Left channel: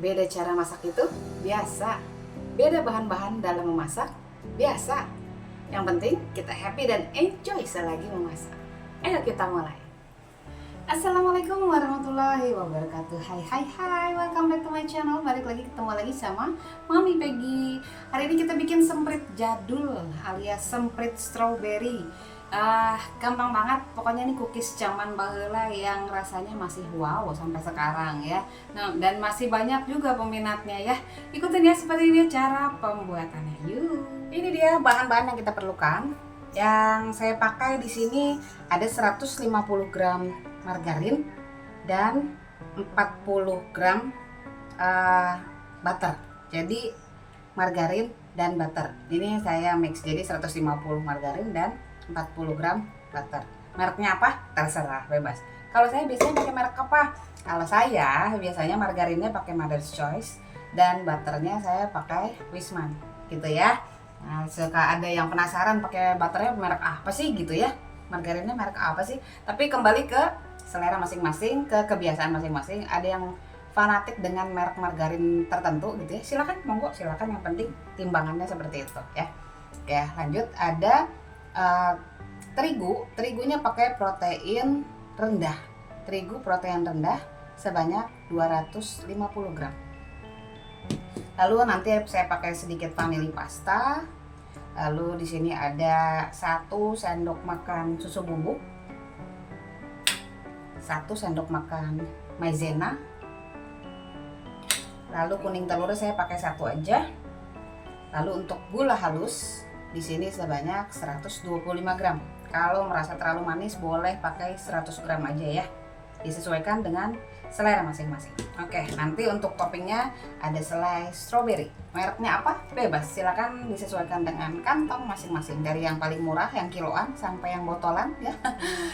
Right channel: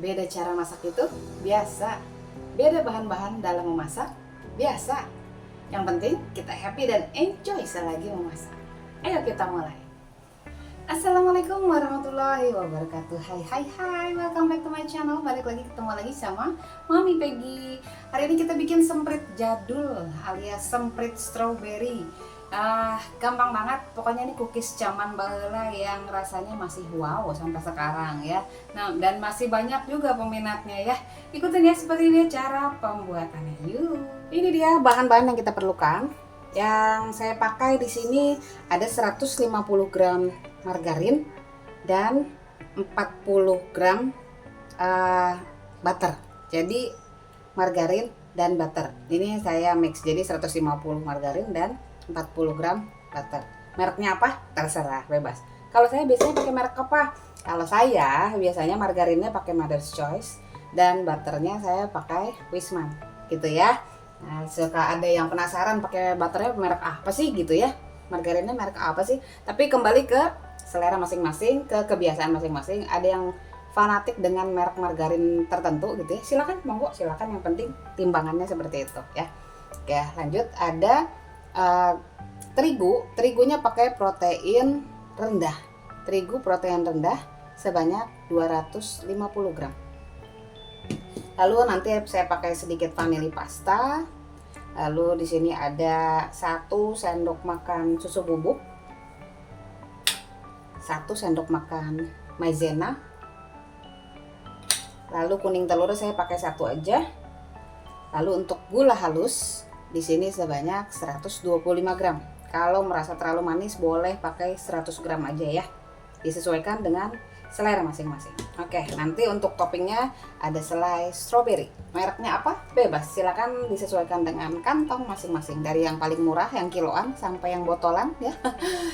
Beda cara masak itu biasa. Beda bahan-bahan dalam memasak biasa. Yang penting kita happy dan enjoy selagi memasak. Ayo kita mulai. Assalamualaikum warahmatullahi wabarakatuh. Hai hai hai, welcome back to my channel. Balik lagi, ketemu lagi sama Mami Peggy. Hari ini kita bikin semprit jadul alias semprit strawberry. Gampang banget, pokoknya ini cookies zaman baheula yang rasanya masih wow sampai sekarang ya. Nah, dan masih banyak juga peminatnya ya. Ikutin ya seperti ini cara pembuatannya. Yuk. Ini dia bahan-bahan yang kita perlukan. Yang saya pakai di sini ada 150 gram margarin dan 40 gram butter. Jadi margarin dan butter. Ini saya mix, jadi 150 margarin dan 40 gram butter. Mereknya apa? Terserah, bebas. Kalau saya biasanya pakai merek apa? Kalau saya biasanya margarinnya pakai Mother's Choice dan butternya saya pakai Wisman, gitu ya. Nah, suka ada yang penasaran pakai butternya merek apa sih gitu ya, margarinnya merek apa sih. Tapi kembali ke selera masing-masing, ke kebiasaan masing-masing. Ada yang fanatik dengan merek margarin tertentu gitu ya, silakan, monggo silakan, yang penting timbangannya seperti itu ya. Oke, lanjut. Ada terigunya pakai protein rendah, terigu protein rendah sebanyak 250 gram. Lalu nanti saya pakai sedikit vanili pasta. Lalu di sini ada 1 sendok makan susu bubuk, 1 sendok makan maizena. Lalu kuning telur saya pakai 1 aja. Lalu untuk gula halus di sini sebanyak 125 gram. Kalau merasa terlalu manis boleh pakai 100 gram aja ya. Disesuaikan dengan selera masing-masing. Oke, nanti untuk toppingnya ada selai strawberry. Mereknya apa? Bebas, silakan disesuaikan dengan kantong masing-masing. Dari yang paling murah, yang kiloan, sampai yang botolan ya.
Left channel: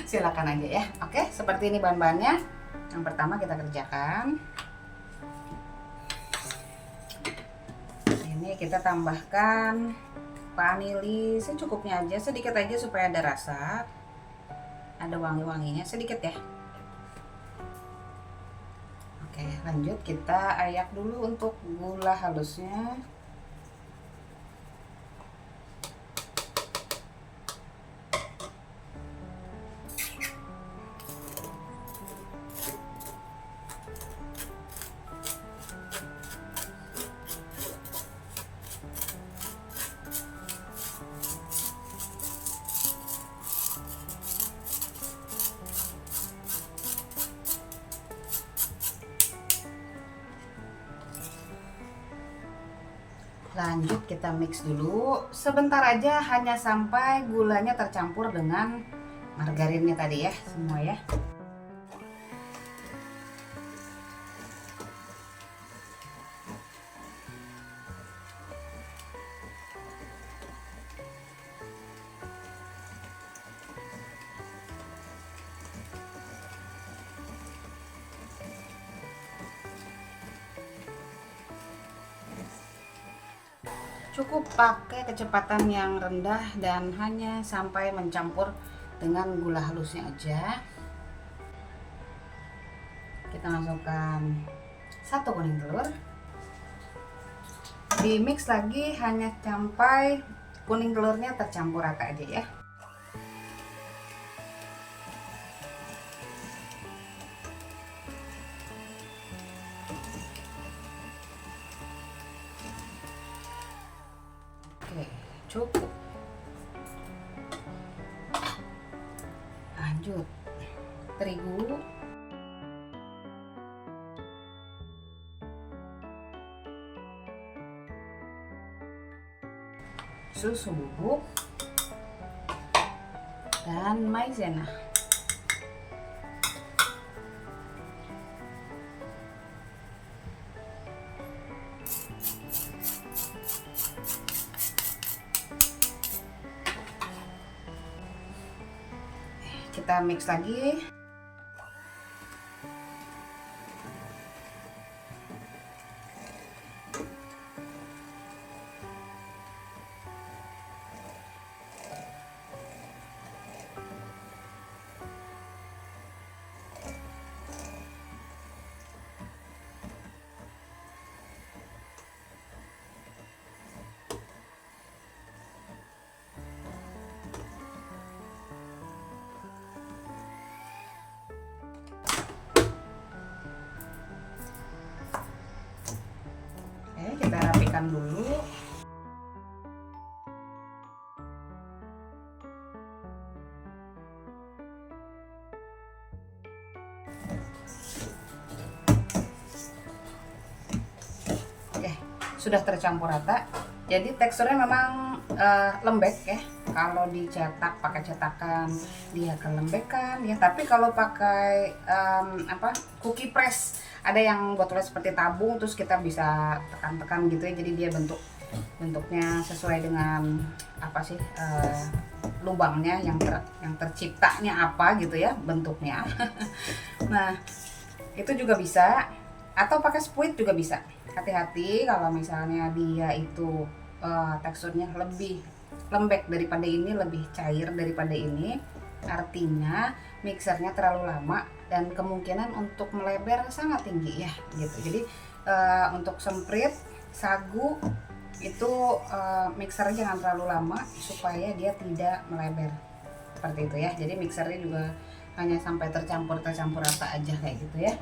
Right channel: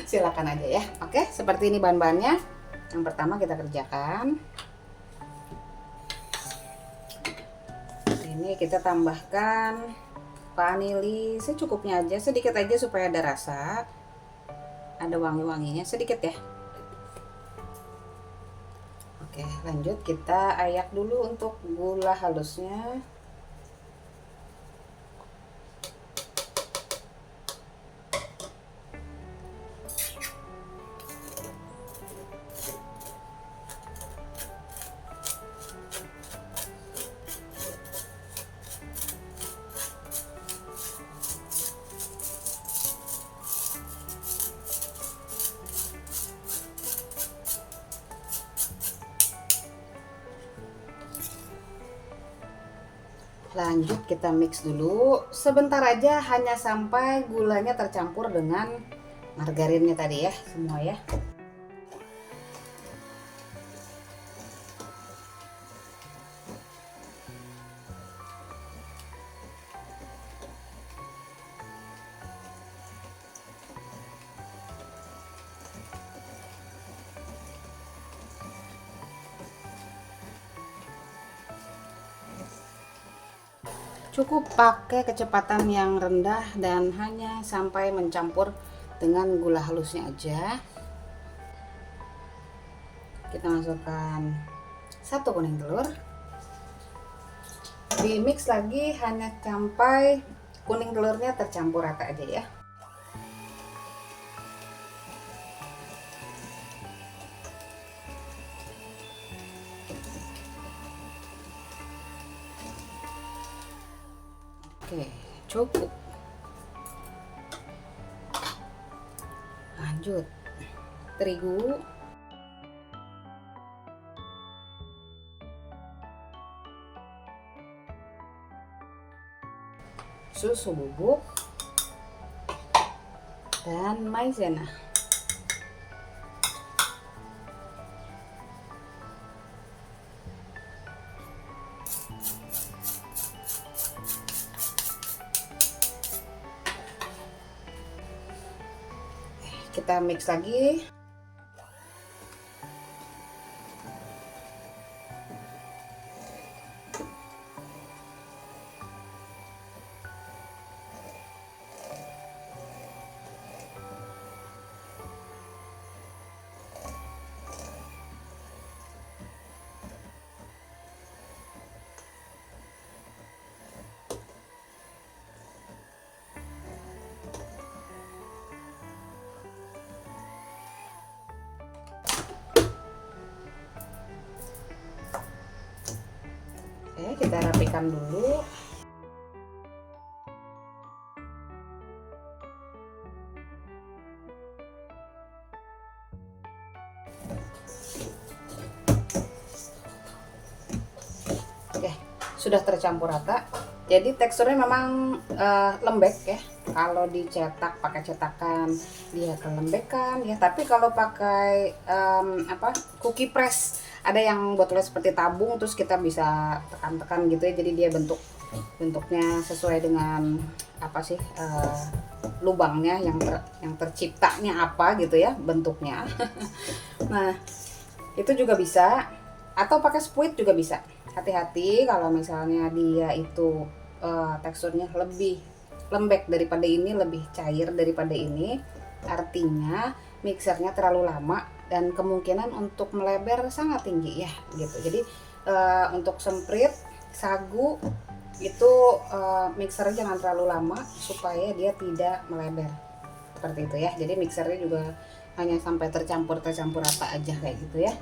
Silakan aja ya. Oke, seperti ini bahan-bahannya. Yang pertama kita kerjakan. Ini kita tambahkan vanili secukupnya aja, sedikit aja supaya ada rasa, ada wangi-wanginya sedikit ya. Oke, lanjut kita ayak dulu untuk gula halusnya. Lanjut kita mix dulu sebentar aja, hanya sampai gulanya tercampur dengan margarinnya tadi ya, semua ya. Cukup pakai kecepatan yang rendah dan hanya sampai mencampur dengan gula halusnya aja. Kita masukkan 1 kuning telur, di mix lagi hanya sampai kuning telurnya tercampur rata aja ya. Oke, cukup. Lanjut, terigu, susu bubuk, dan maizena. Kita mix lagi. Oke, kita rapikan dulu. Oke, sudah tercampur rata. Jadi teksturnya memang lembek ya. Kalau dicetak pakai cetakan dia kelembekan ya. Tapi kalau pakai cookie press, ada yang botolnya seperti tabung, terus kita bisa tekan-tekan gitu ya. Jadi dia bentuknya sesuai dengan apa sih lubangnya yang terciptanya apa gitu ya bentuknya. Nah itu juga bisa, atau pakai spuit juga bisa. Hati-hati kalau misalnya dia itu teksturnya lebih lembek daripada ini, lebih cair daripada ini, artinya mixernya terlalu lama dan kemungkinan untuk melebar sangat tinggi ya gitu. Jadi untuk semprit sagu itu mixernya jangan terlalu lama supaya dia tidak melebar seperti itu ya. Jadi mixernya juga hanya sampai tercampur rata aja kayak gitu ya.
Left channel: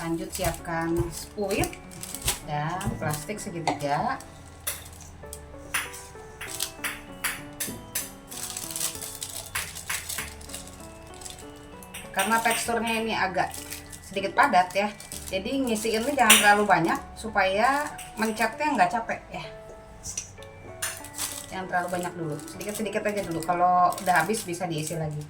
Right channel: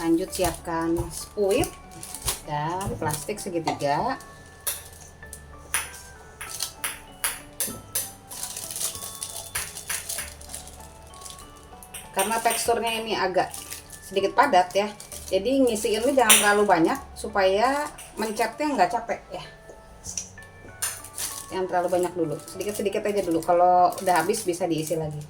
Lanjut siapkan spuit dan plastik segitiga. Karena teksturnya ini agak sedikit padat ya, jadi ngisiinnya jangan terlalu banyak supaya mencetnya nggak capek ya. Jangan terlalu banyak dulu, sedikit-sedikit aja dulu. Kalau udah habis bisa diisi lagi.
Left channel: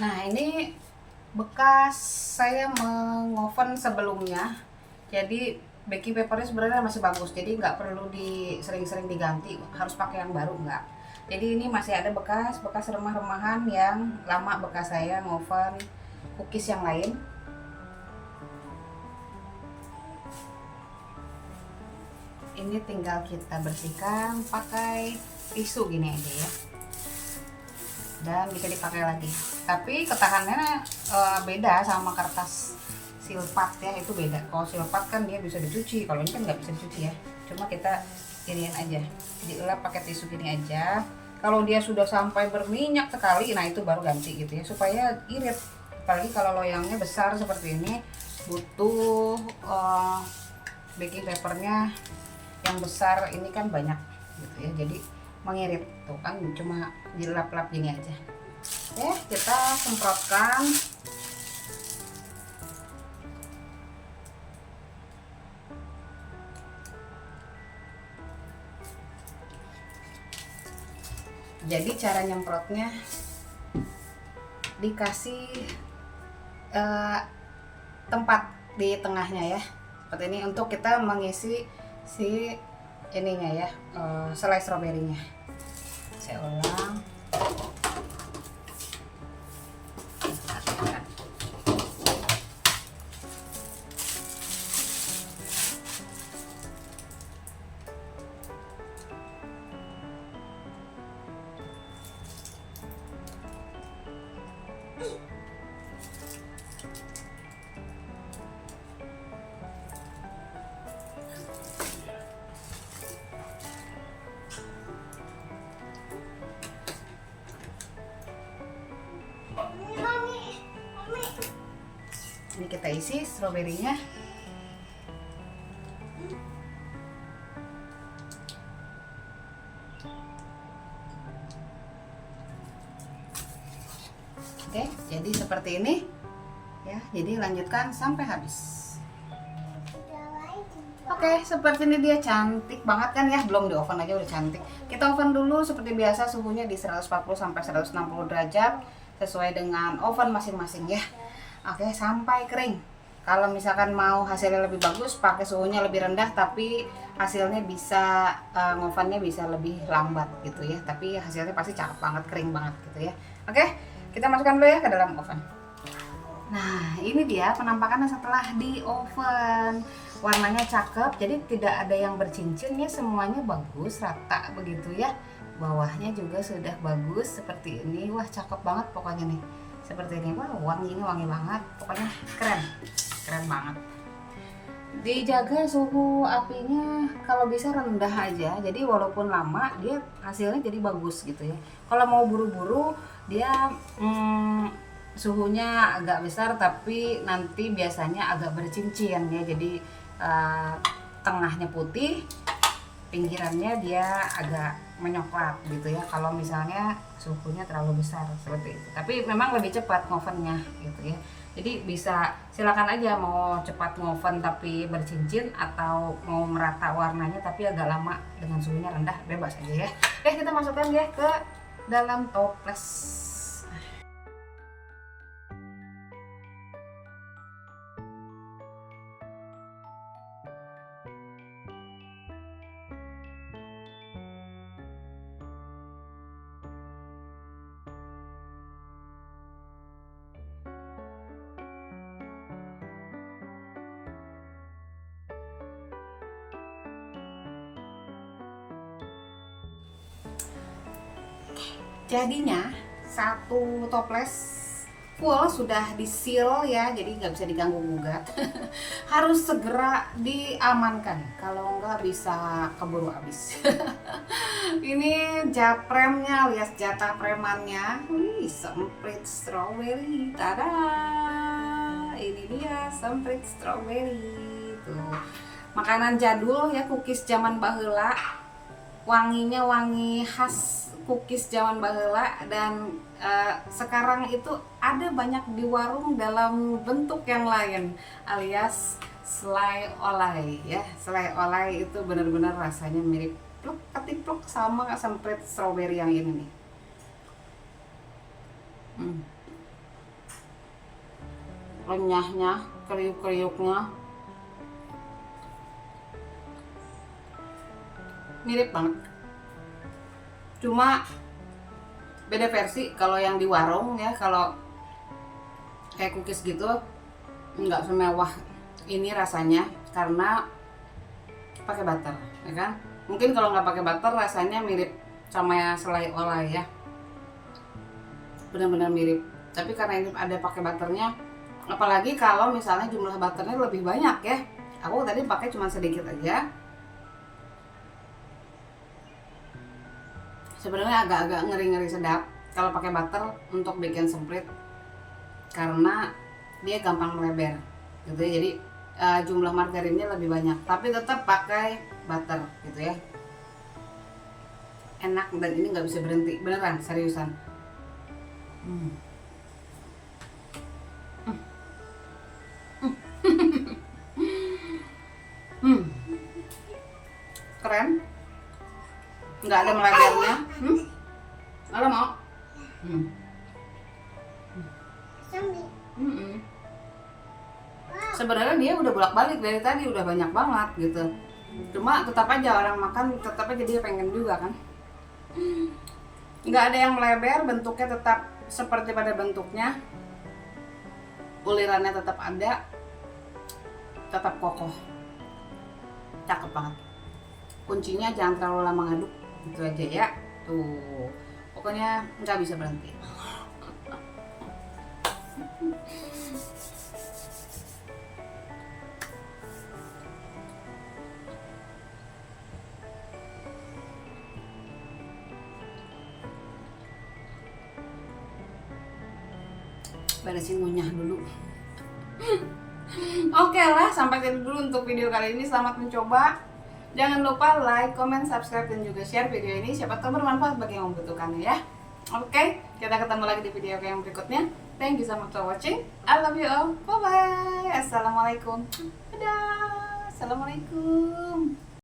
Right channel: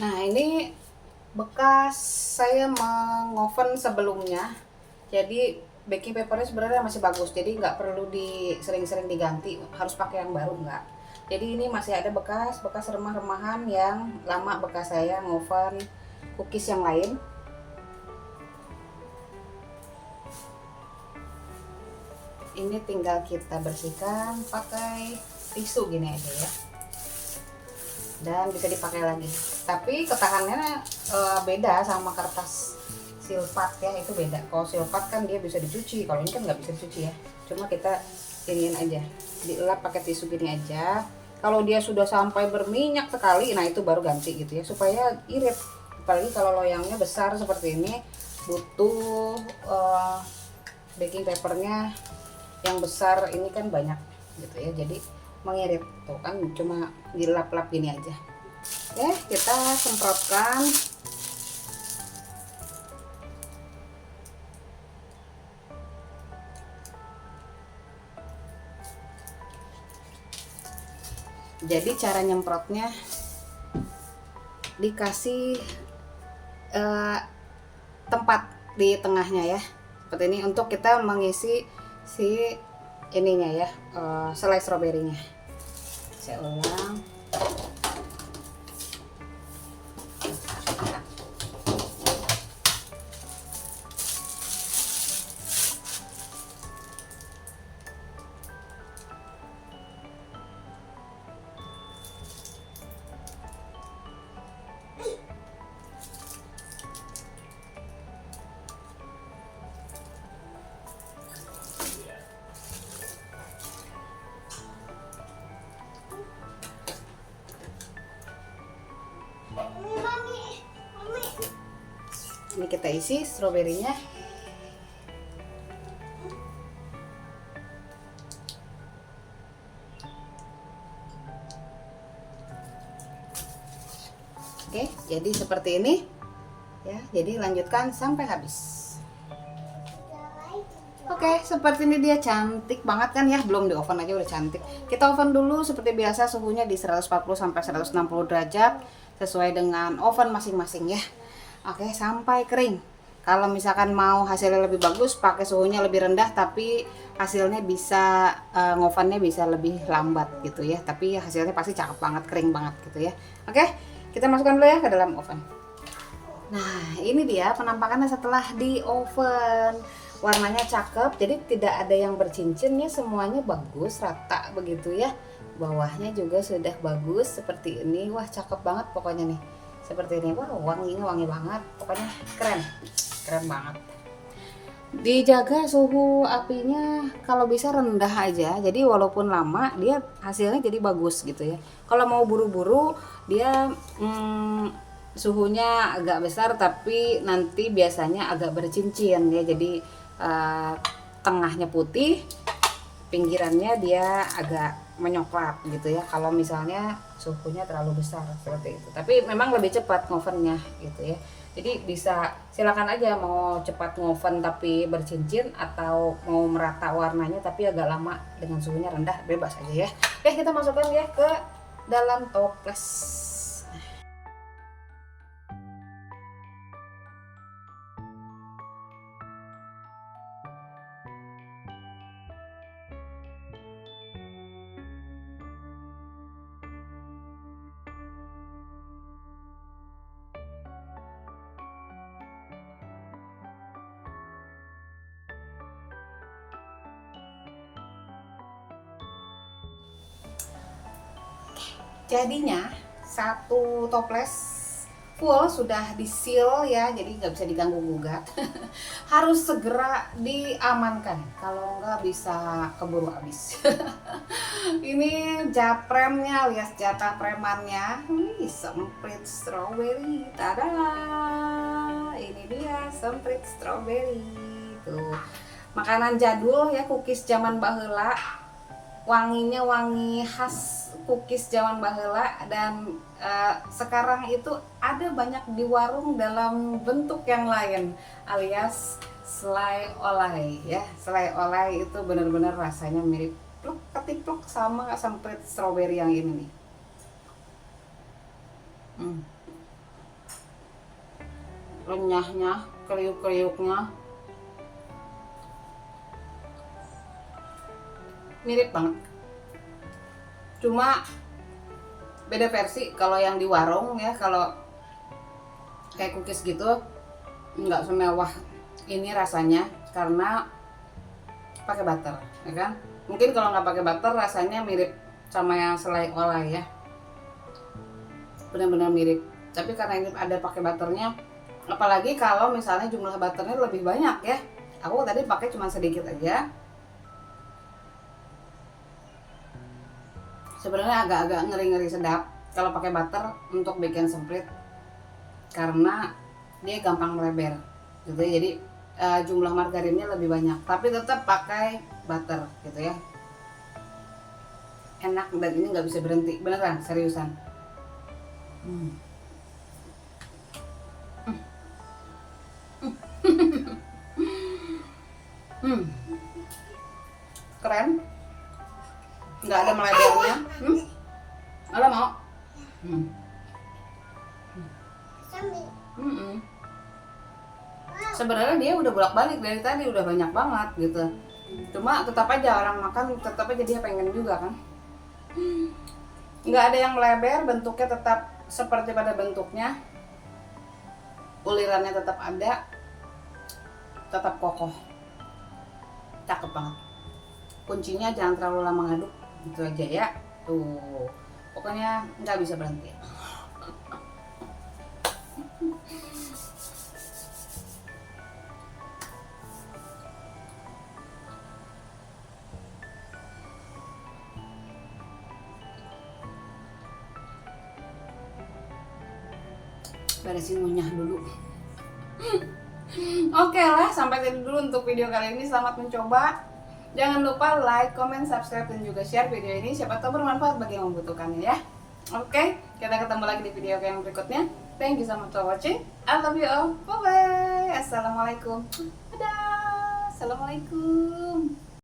Nah ini bekas saya mengoven sebelumnya, jadi baking papernya sebenarnya masih bagus, jadi nggak perlu sering-sering diganti, harus pakai yang baru nggak. Jadi ini masih ada bekas remah-remahan yang lama bekas saya ngoven cookies yang lain. Ini tinggal kita bersihkan pakai tisu gini aja ya, dan bisa dipakai lagi. Tapi ketahanannya beda sama kertas silpat ya, itu beda. Kalau silpat kan dia bisa dicuci, kalau ini kan nggak bisa dicuci ya. Cuma kita iniin aja, dielap pakai tisu gini aja. Kalau dia sudah sampai berminyak sekali, nah itu baru ganti gitu ya, supaya irit. Apalagi kalau loyangnya besar seperti ini, butuh baking papernya yang besar, ini kan banyak gitu ya, jadi mengirit. Tuh kan cuma dilap-lap gini aja. Oke, kita semprotkan. Jadi cara nyemprotnya dikasih tempat di tengahnya ya, seperti ini, untuk kita mengisi si ininya ya, selai stroberinya. Saya ulang. Ini kita isi stroberinya. Oke, jadi seperti ini ya. Jadi lanjutkan sampai habis. Oke, seperti ini dia, cantik banget kan ya. Belum di oven aja udah cantik. Kita oven dulu seperti biasa, suhunya di 140 sampai 160 derajat sesuai dengan oven masing-masing ya. Oke, sampai kering. Kalau misalkan mau hasilnya lebih bagus, pakai suhunya lebih rendah, tapi hasilnya bisa ngovennya bisa lebih lambat gitu ya. Tapi hasilnya pasti cakep banget, kering banget gitu ya. Oke, kita masukkan dulu ya ke dalam oven. Nah, ini dia penampakannya setelah di oven. Warnanya cakep, jadi tidak ada yang bercincin ya, semuanya bagus, rata begitu ya. Bawahnya juga sudah bagus seperti ini. Wah, cakep banget pokoknya nih. Seperti ini. Wah, wanginya wangi banget. Pokoknya keren. Keren banget. Dijaga suhu apinya kalau bisa rendah aja. Jadi walaupun lama dia hasilnya jadi bagus gitu ya. Kalau mau buru-buru dia suhunya agak besar tapi nanti biasanya agak bercincin ya. Jadi tengahnya putih, pinggirannya dia agak menyoklat gitu ya. Kalau misalnya suhunya terlalu besar seperti itu. Tapi memang lebih cepat ngovennya gitu ya. Jadi bisa silakan aja mau cepat ngoven tapi bercincin atau mau merata warnanya tapi agak lama dengan suhunya rendah, bebas aja ya. Oke, kita masukkan ya ke dalam toples. Jadinya satu toples full sudah di-seal ya, jadi nggak bisa diganggu gugat. Harus segera diamankan, kalau nggak bisa keburu habis. Ini japremnya alias jatah premannya. Semprit strawberry. Tada! Ini dia semprit strawberry. Tuh. Makanan jadul ya, cookies zaman baheula. Wanginya wangi khas cookies zaman baheula dan sekarang itu ada banyak di warung dalam bentuk yang lain alias selai olai ya. Selai olai itu benar-benar rasanya mirip pluk ketipluk sama semprit strawberry yang ini nih. Renyahnya, kriuk-kriuknya mirip banget, cuma beda versi. Kalau yang di warung ya, kalau kayak cookies gitu nggak semewah ini rasanya karena pakai butter ya kan. Mungkin kalau nggak pakai butter rasanya mirip sama yang selai olai ya, benar-benar mirip. Tapi karena ini ada pakai butternya, apalagi kalau misalnya jumlah butternya lebih banyak ya. Aku tadi pakai cuma sedikit aja. Sebenarnya agak-agak ngeri-ngeri sedap kalau pakai butter untuk bikin semprit karena dia gampang melebar gitu ya. Jadi jumlah margarinnya lebih banyak, tapi tetap pakai butter gitu ya. Enak dan ini nggak bisa berhenti, beneran seriusan. Keren, nggak ada melebarnya. Halo mau? Sebenarnya dia udah bolak-balik dari tadi, udah banyak banget gitu. Cuma tetap aja orang makan, tetap aja dia pengen juga kan. Nggak ada yang melebar, bentuknya tetap seperti pada bentuknya. Ulirannya tetap ada, tetap kokoh. Cakep banget. Kuncinya jangan terlalu lama ngaduk, gitu aja ya. Tuh, pokoknya nggak bisa berhenti. Beresin ngunyah dulu. Oke lah, sampai tadi dulu untuk video kali ini. Selamat mencoba. Jangan lupa like, comment, subscribe, dan juga share video ini. Siapa tahu bermanfaat bagi yang membutuhkannya ya. Oke, kita ketemu lagi di video yang berikutnya. Thank you so much for watching. I love you all. Bye bye. Assalamualaikum. Dadah. Assalamualaikum.